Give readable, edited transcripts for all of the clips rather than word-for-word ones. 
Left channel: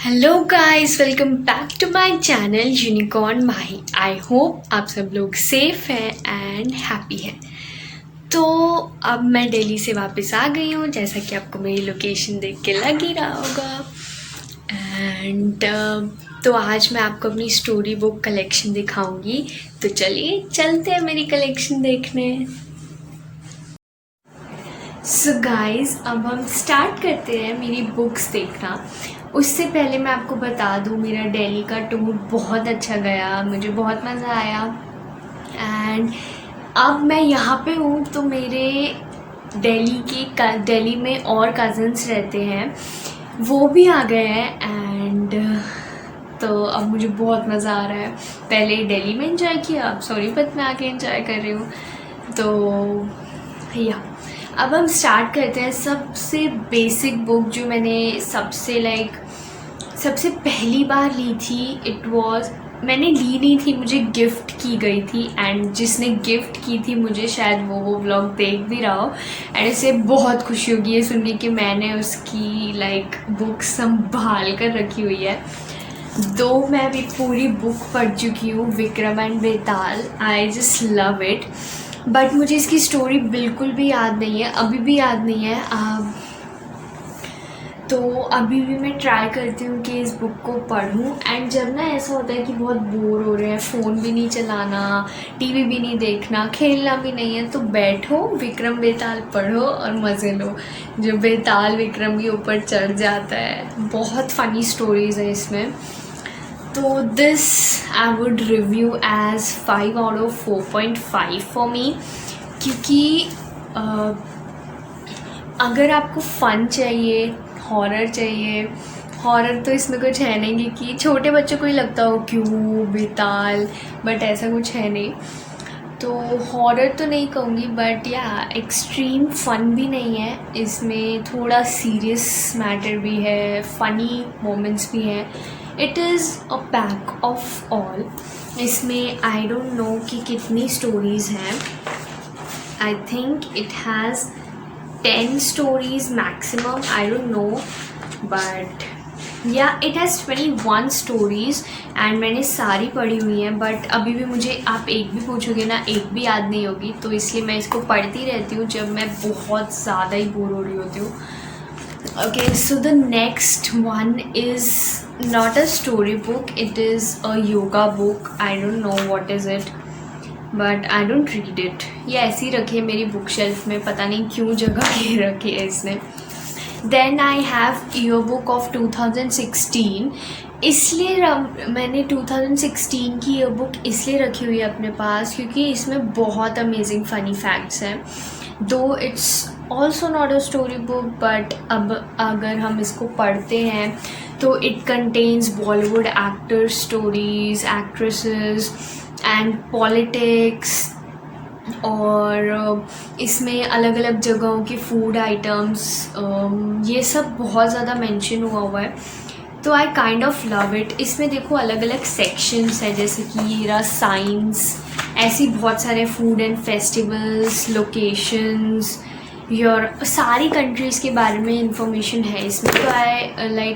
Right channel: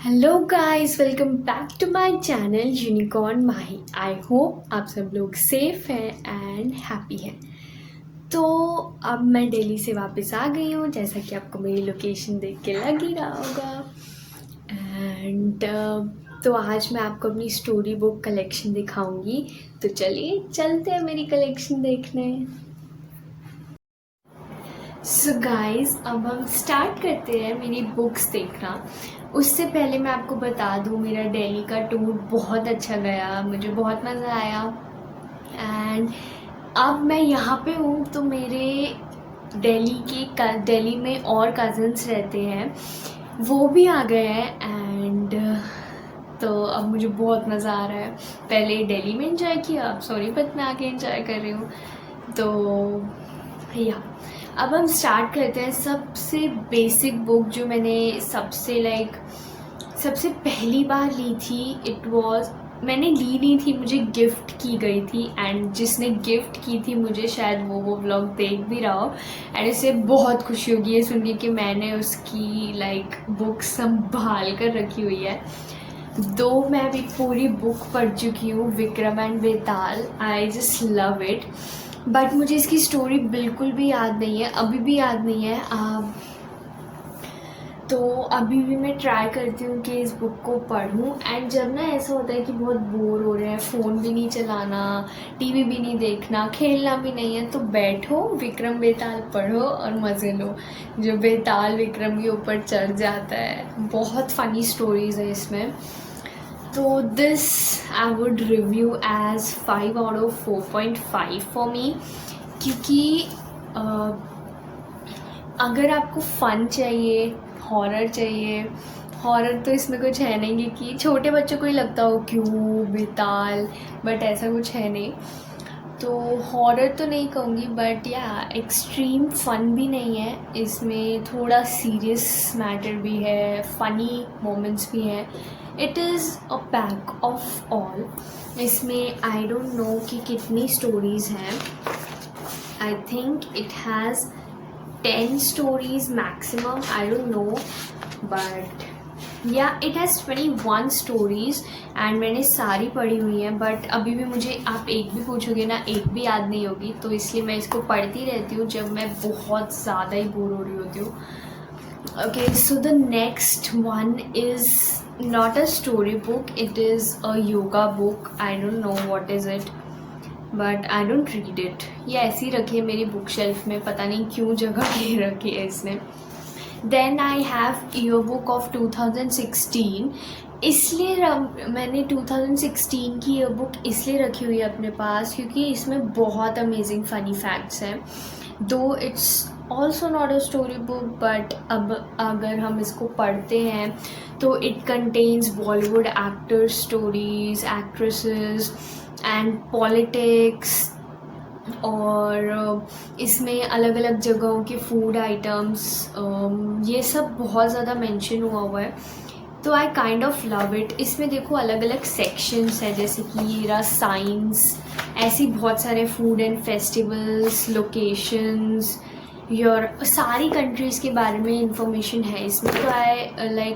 Hello guys, welcome back to my channel unicorn Mahi. I hope आप सब लोग safe हैं एंड हैप्पी हैं। तो अब मैं दिल्ली से वापस आ गई हूँ, जैसा कि आपको मेरी लोकेशन देख के लग ही रहा होगा। एंड तो आज मैं आपको अपनी स्टोरी बुक कलेक्शन दिखाऊंगी। तो चलिए चलते हैं मेरी कलेक्शन देखने। सो गाइस, अब हम स्टार्ट करते हैं मेरी बुक्स देखना। उससे पहले मैं आपको बता दूँ, मेरा दिल्ली का टूर बहुत अच्छा गया, मुझे बहुत मज़ा आया। एंड अब मैं यहाँ पे हूँ तो मेरे दिल्ली में और कज़न्स रहते हैं, वो भी आ गए हैं। एंड तो अब मुझे बहुत मज़ा आ रहा है। पहले दिल्ली में एंजॉय किया, अब सोनीपत में आके एंजॉय कर रही हूँ। तो या अब हम स्टार्ट करते हैं। सबसे बेसिक बुक जो मैंने सबसे पहली बार ली थी, मैंने ली नहीं थी, मुझे गिफ्ट की गई थी। एंड जिसने गिफ्ट की थी मुझे, शायद वो व्लॉग देख भी रहा हो। एंड इसे बहुत खुशी होगी ये सुनने कि मैंने उसकी बुक संभाल कर रखी हुई है। दो मैं अभी पूरी बुक पढ़ चुकी हूँ, Vikram and Betaal. I just love it. But मुझे इसकी स्टोरी बिल्कुल भी याद नहीं है, अभी भी याद नहीं है। तो अभी भी मैं ट्राई करती हूँ कि इस बुक को पढूं। एंड जब ना ऐसा होता है कि बहुत बोर हो रहे हैं, फ़ोन भी नहीं चलाना, टीवी भी नहीं देखना, खेलना भी नहीं है, तो बैठो, विक्रम बेताल पढ़ो और मज़े लो। जो बेताल विक्रम के ऊपर चढ़ जाता है, बहुत फ़नी स्टोरीज़ है इसमें। तो this I would review as 5 out of 4.5 for me, क्योंकि अगर आपको फ़न चाहिए, हॉरर चाहिए, हॉरर तो इसमें कुछ है नहीं कि छोटे बच्चों को ही लगता हो क्यों बेताल, बट ऐसा कुछ है नहीं। तो हॉरर तो नहीं कहूँगी, बट या एक्सट्रीम फ़न भी नहीं है इसमें, थोड़ा सीरियस मैटर भी है, फ़नी मोमेंट्स भी हैं। It is a pack of all. इसमें आई डोंट नो कि कितनी स्टोरीज़ हैं। I think it has 10 stories maximum, I don't know, but yeah, it has 21 stories and मैंने सारी पढ़ी हुई हैं। बट अभी भी मुझे आप एक भी पूछोगे ना, एक भी याद नहीं होगी, तो इसलिए मैं इसको पढ़ती रहती हूँ जब मैं बहुत ज़्यादा ही बोर हो रही होती हूँ। Okay, so the next one is not a story book, it is a yoga book. I don't know what is it, but I don't read it. ये ऐसी रखी है मेरी बुक शेल्फ में, पता नहीं क्यों जगह के रखी है इसने। Then I have year book of 2016। इसलिए मैंने 2016 की ईयर बुक इसलिए रखी हुई है अपने पास क्योंकि इसमें बहुत अमेजिंग फ़नी फैक्ट्स हैं। दो it's also not a story book, but अब अगर हम इसको पढ़ते हैं तो it contains Bollywood actor stories, actresses and politics, और इसमें अलग अलग जगहों के फूड आइटम्स, ये सब बहुत ज़्यादा मेंशन हुआ है। तो I kind of love it. इसमें देखो अलग अलग सेक्शंस है, जैसे कि ये रहा साइंस, ऐसी बहुत सारे food and festivals, locations, your सारी कंट्रीज़ के बारे में इंफॉर्मेशन है इसमें। तो आई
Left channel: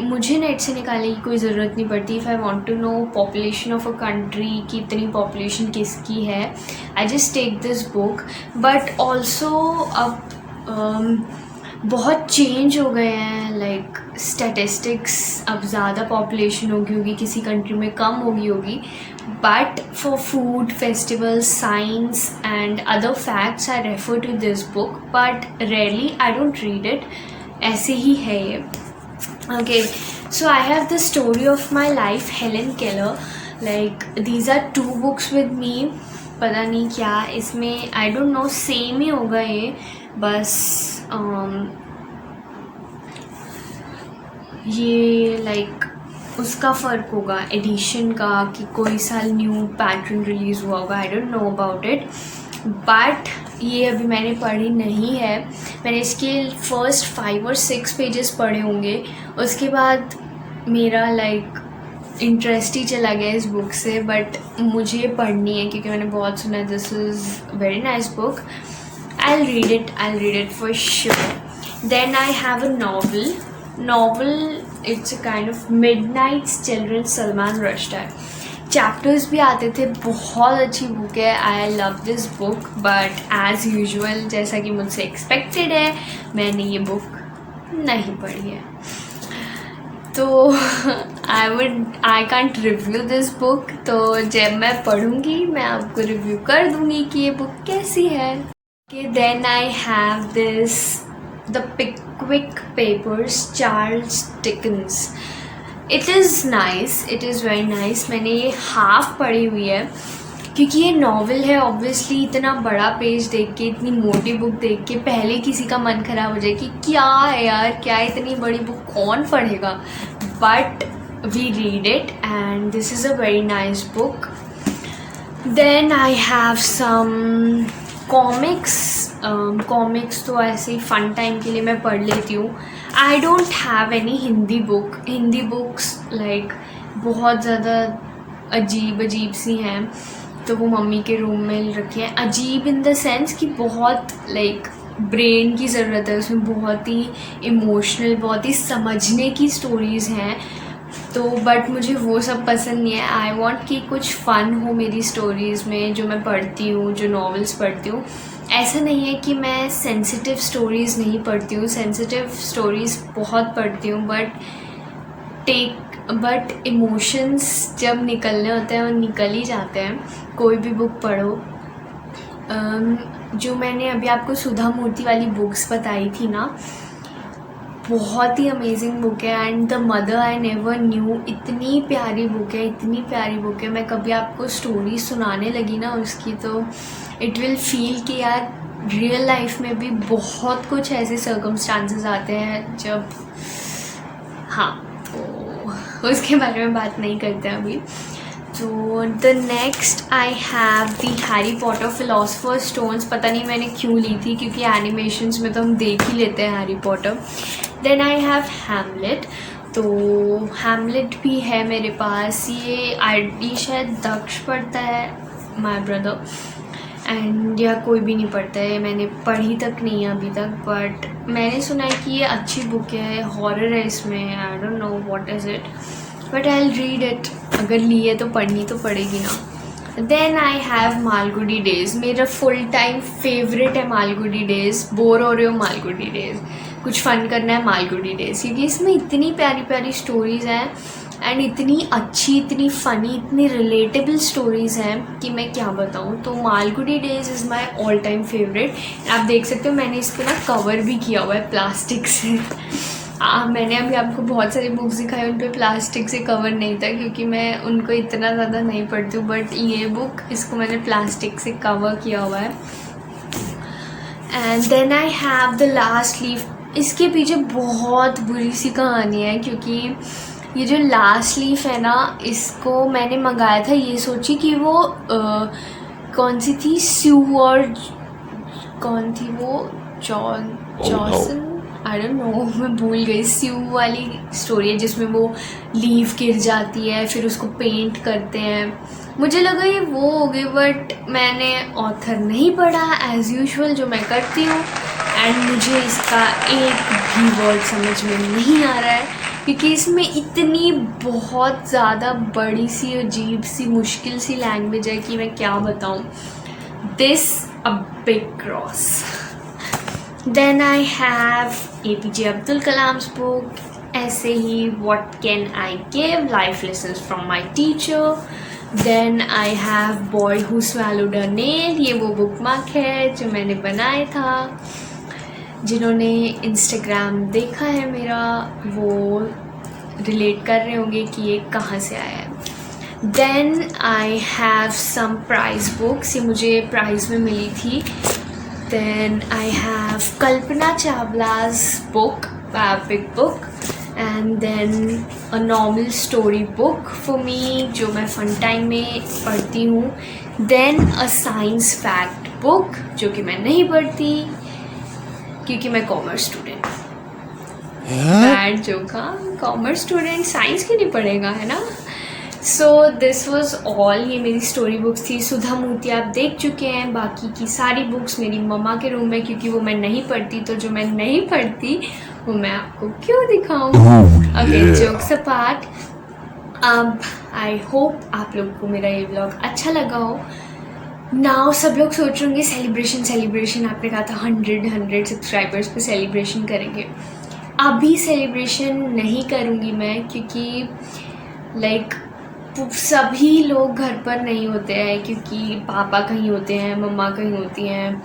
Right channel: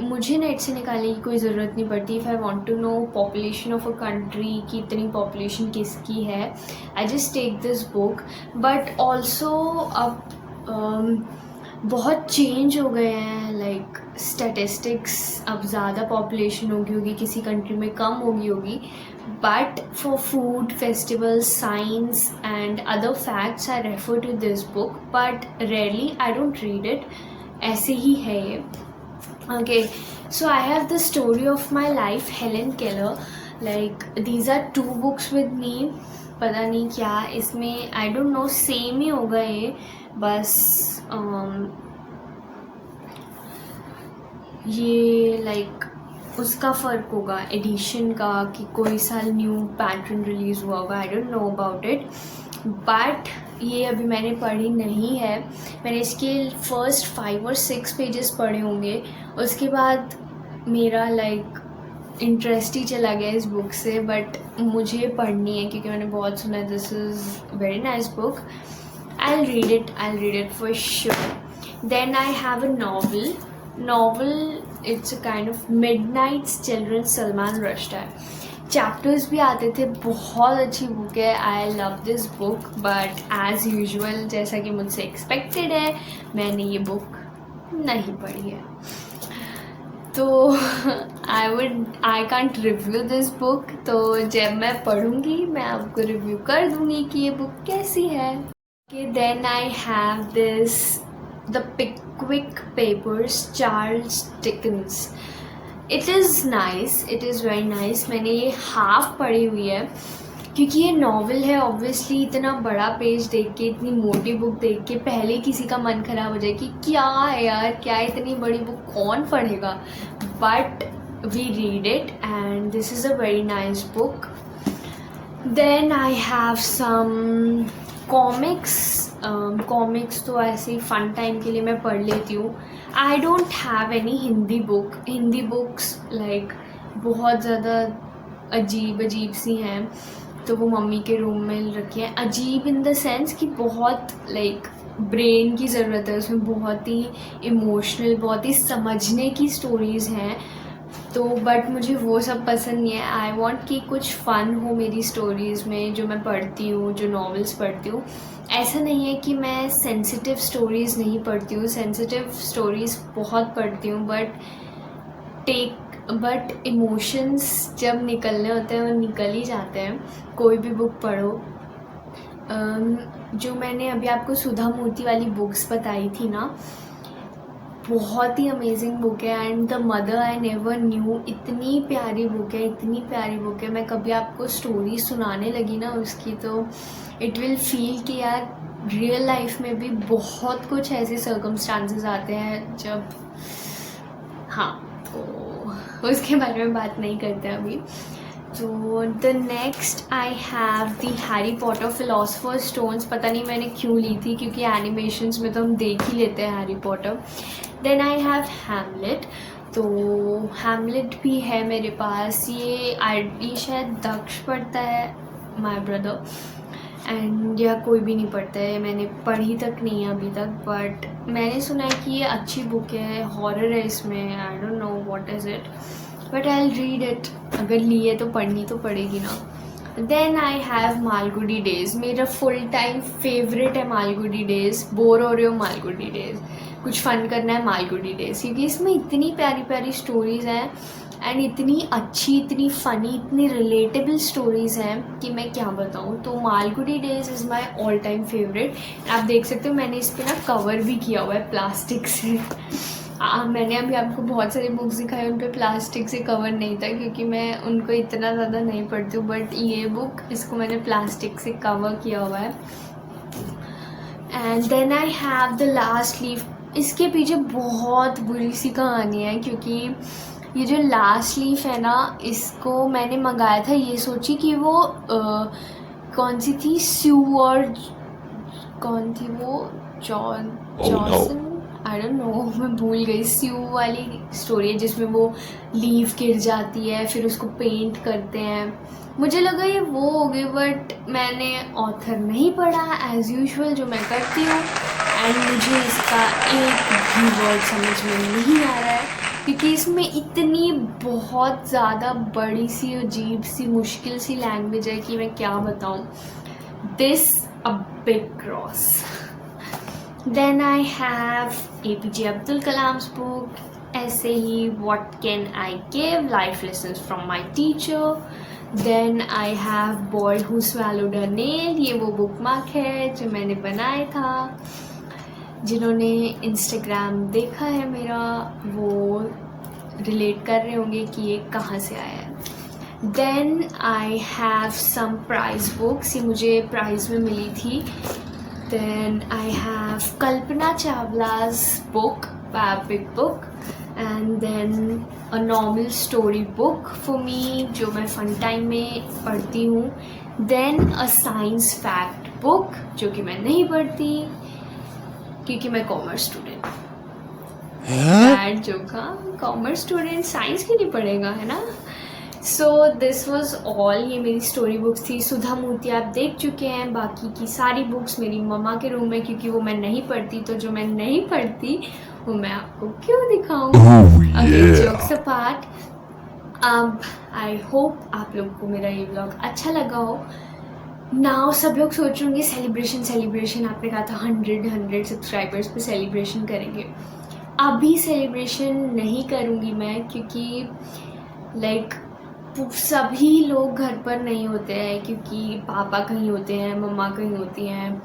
मुझे नेट से निकालने की कोई ज़रूरत नहीं पड़ती। If I want to know population of a country कि इतनी पॉपुलेशन किसकी है, I just take this book. But also अब बहुत चेंज हो गए हैं, स्टैटिस्टिक्स, अब ज़्यादा पॉपुलेशन होगी, किसी कंट्री में कम होगी। But for food, festivals, science and other facts I refer to this book, but rarely I don't read it. ऐसे ही है ये। Okay, so I have the story of my life, Helen Keller. These are 2 books with me. पता नहीं क्या इसमें, I don't know, same ही होगा ये, बस ये उसका फ़र्क होगा एडिशन का, कि कोई साल न्यू पैटर्न रिलीज़ हुआ होगा, आई don't know about it. But ये अभी मैंने पढ़ी नहीं है। मैंने इसके फर्स्ट 5 और 6 पेजेस पढ़े होंगे, उसके बाद मेरा इंटरेस्ट ही चला गया इस बुक से। बट मुझे पढ़नी है क्योंकि मैंने बहुत सुना है this is very nice book. I'll read it for sure. Then I have a novel novel it's a kind of Midnights children Salman Rushdie. Chapters भी आते थे, बहुत अच्छी बुक है। I love this book, but as usual जैसा कि मुझसे expected है, मैंने ये बुक नहीं पढ़ी है। तो I can't review this book. तो जब मैं पढ़ूँगी मैं आपको रिव्यू कर दूँगी कि ये बुक कैसी है। Then I have this the Pickwick Papers, Charles Dickens. It is nice, it is very nice. मैंने ये हाफ पढ़ी हुई है क्योंकि ये नॉवल है। ऑब्वियसली इतना बड़ा पेज देख के, इतनी मोटी बुक देख के पहले किसी का मन ख़राब हो जाए कि क्या है यार, क्या इतनी बड़ी बुक कौन पढ़ेगा। But we read it and this is a very nice book. Then I have some comics तो ऐसे ही फ़न टाइम के लिए मैं पढ़ लेती हूँ। I don't have any Hindi books like बहुत ज़्यादा अजीब सी हैं, तो वो मम्मी के रूम में रखी हैं। अजीब इन द सेंस कि बहुत लाइक ब्रेन की ज़रूरत है उसमें, बहुत ही इमोशनल, बहुत ही समझने की स्टोरीज़ हैं। तो बट मुझे वो सब पसंद नहीं है। आई वॉन्ट कि कुछ फ़न हो मेरी स्टोरीज़ में जो मैं पढ़ती हूँ, जो नॉवेल्स पढ़ती हूँ। ऐसा नहीं है कि मैं सेंसिटिव स्टोरीज़ नहीं पढ़ती हूँ, सेंसिटिव स्टोरीज़ बहुत पढ़ती हूँ, बट इमोशंस जब निकलने होते हैं वो निकल ही जाते हैं। कोई भी बुक पढ़ो। जो मैंने अभी आपको सुधा मूर्ति वाली बुक्स बताई थी ना, बहुत ही अमेजिंग बुक है। And the mother I never knew, इतनी प्यारी बुक है, इतनी प्यारी बुक है। मैं कभी आपको स्टोरी सुनाने लगी ना उसकी, तो इट विल फील कि यार रियल लाइफ में भी बहुत कुछ ऐसे सर्कमस्टांसेस आते हैं जब, हाँ, तो उसके बारे में बात नहीं करते अभी। तो the next I have the Harry Potter philosopher stones. पता नहीं मैंने क्यों ली थी, क्योंकि एनिमेशंस में तो हम देख ही लेते हैं Harry Potter. Then I have Hamlet. तो हैमलेट भी है मेरे पास। ये शायद दक्ष पढ़ता है, माय ब्रदर, एंड यह कोई भी नहीं पढ़ता है। मैंने पढ़ी तक नहीं है अभी तक, बट मैंने सुना है कि ये अच्छी बुक है, हॉरर है इसमें। I don't know what is it, but I will read it. अगर ली है तो पढ़नी तो पड़ेगी ना। Then I have Malgudi days. मेरा फुल टाइम फेवरेट है मालगुडी डेज़। बोर हो रहे हो, मालगुडी डेज़, कुछ फ़न करना है, मालगुडी डेज़, क्योंकि इसमें इतनी प्यारी प्यारी स्टोरीज़ हैं एंड इतनी अच्छी, इतनी फ़नी, इतनी रिलेटेबल स्टोरीज़ हैं कि मैं क्या बताऊँ। तो Malgudi days is my all time favourite. आप देख सकते हो मैंने इस पर ना कवर भी किया हुआ है प्लास्टिक से। मैंने अभी आपको बहुत सारी बुक्स दिखाई, उन पे प्लास्टिक से कवर नहीं था क्योंकि मैं उनको इतना ज़्यादा नहीं पढ़ती हूँ, बट ये बुक, इसको मैंने प्लास्टिक से कवर किया हुआ है। And then I have the last leaf. इसके पीछे बहुत बुरी सी कहानी है, क्योंकि ये जो लास्ट लीफ है ना, इसको मैंने मंगाया था ये सोची कि वो कौन सी थी, स्यू और कौन थी वो, जॉनसन, आई डोंट नो, मैं भूल गई। स्यू वाली स्टोरी है जिसमें वो लीफ गिर जाती है, फिर उसको पेंट करते हैं। मुझे लगा ये वो होगी, बट मैंने ऑथर नहीं पढ़ा एज़ यूजुअल जो मैं करती हूँ, एंड मुझे इसका एक भी वर्ड समझ में नहीं आ रहा है क्योंकि इसमें इतनी बहुत ज़्यादा बड़ी सी, अजीब सी, मुश्किल सी लैंग्वेज है कि मैं क्या बताऊँ। This a big cross. Then I have APJ Abdul Kalam's book, ऐसे ही what can I give, life lessons from my teacher. Then I have boy who swallowed a nail. ये वो बुक मार्क है जो मैंने बनाया था। जिन्होंने इंस्टाग्राम देखा है मेरा वो रिलेट कर रहे होंगे कि ये कहाँ से आया है। Then I have some prize books, ये मुझे प्राइज़ में मिली थी। Then I have Kalpana Chawla's book, big book, and then a normal story book for me जो मैं फन टाइम में पढ़ती हूँ। Then a science fact book जो कि मैं नहीं पढ़ती क्योंकि मैं कॉमर्स स्टूडेंट। बैड जोक, हाँ, कॉमर्स स्टूडेंट साइंस क्यों नहीं पढ़ेगा, है ना। So this was all. ये मेरी स्टोरी बुक्स थी। सुधा मूर्ति आप देख चुके हैं, बाकी की सारी बुक्स मेरी मम्मा के रूम में, क्योंकि वो मैं नहीं पढ़ती, तो जो मैं नहीं पढ़ती वो मैं आपको क्यों दिखाऊं। Oh okay, yeah. Jokes apart, अब आई होप आप लोग को मेरा ये व्लॉग अच्छा लगा हो। नाउ सब लोग सोच रहे होंगे सेलिब्रेशन सेलिब्रेशन, आपने कहा था 100 सब्सक्राइबर्स पे सेलिब्रेशन करेंगे। अभी सेलिब्रेशन नहीं करूँगी मैं, क्योंकि लाइक सभी लोग घर पर नहीं होते हैं, क्योंकि पापा कहीं होते हैं, मम्मा कहीं होती हैं।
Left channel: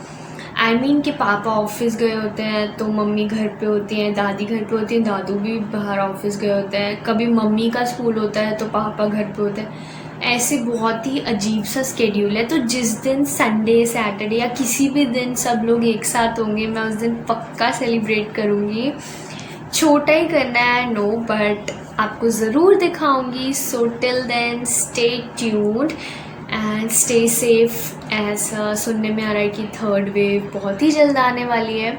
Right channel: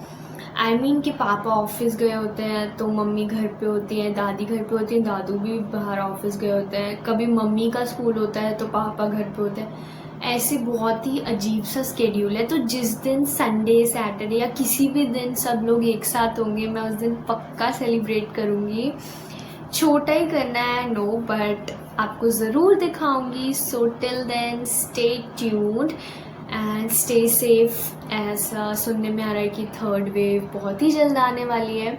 आई मीन कि पापा ऑफिस गए होते हैं तो मम्मी घर पे होती हैं, दादी घर पे होती हैं, दादू भी बाहर ऑफिस गए होते हैं, कभी मम्मी का स्कूल होता है तो पापा घर पे होते हैं। ऐसे बहुत ही अजीब सा स्केड्यूल है। तो जिस दिन संडे सैटरडे या किसी भी दिन सब लोग एक साथ होंगे, मैं उस दिन पक्का सेलिब्रेट करूँगी। छोटा ही करना है नो, बट आपको ज़रूर दिखाऊंगी। So till then stay tuned and stay safe. ऐसा सुनने में आ रहा है कि थर्ड वेव बहुत ही जल्द आने वाली है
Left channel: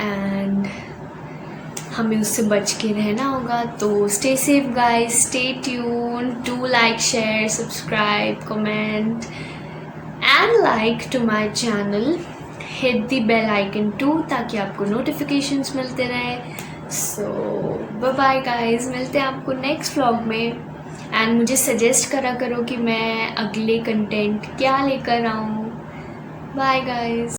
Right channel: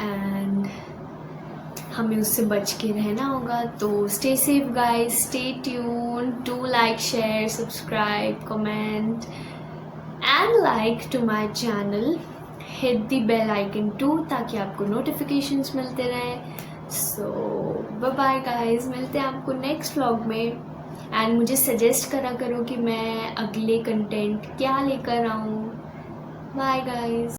एंड हमें उससे बच के रहना होगा। तो stay safe guys, stay tune, do like, share, subscribe, comment and like to my channel, hit the bell icon too, ताकि आपको नोटिफिकेशंस मिलते रहें। सो बाय बाय गाइस, मिलते हैं आपको नेक्स्ट व्लॉग में। एंड मुझे सजेस्ट करा करो कि मैं अगले कंटेंट क्या लेकर आऊँ। Bye guys.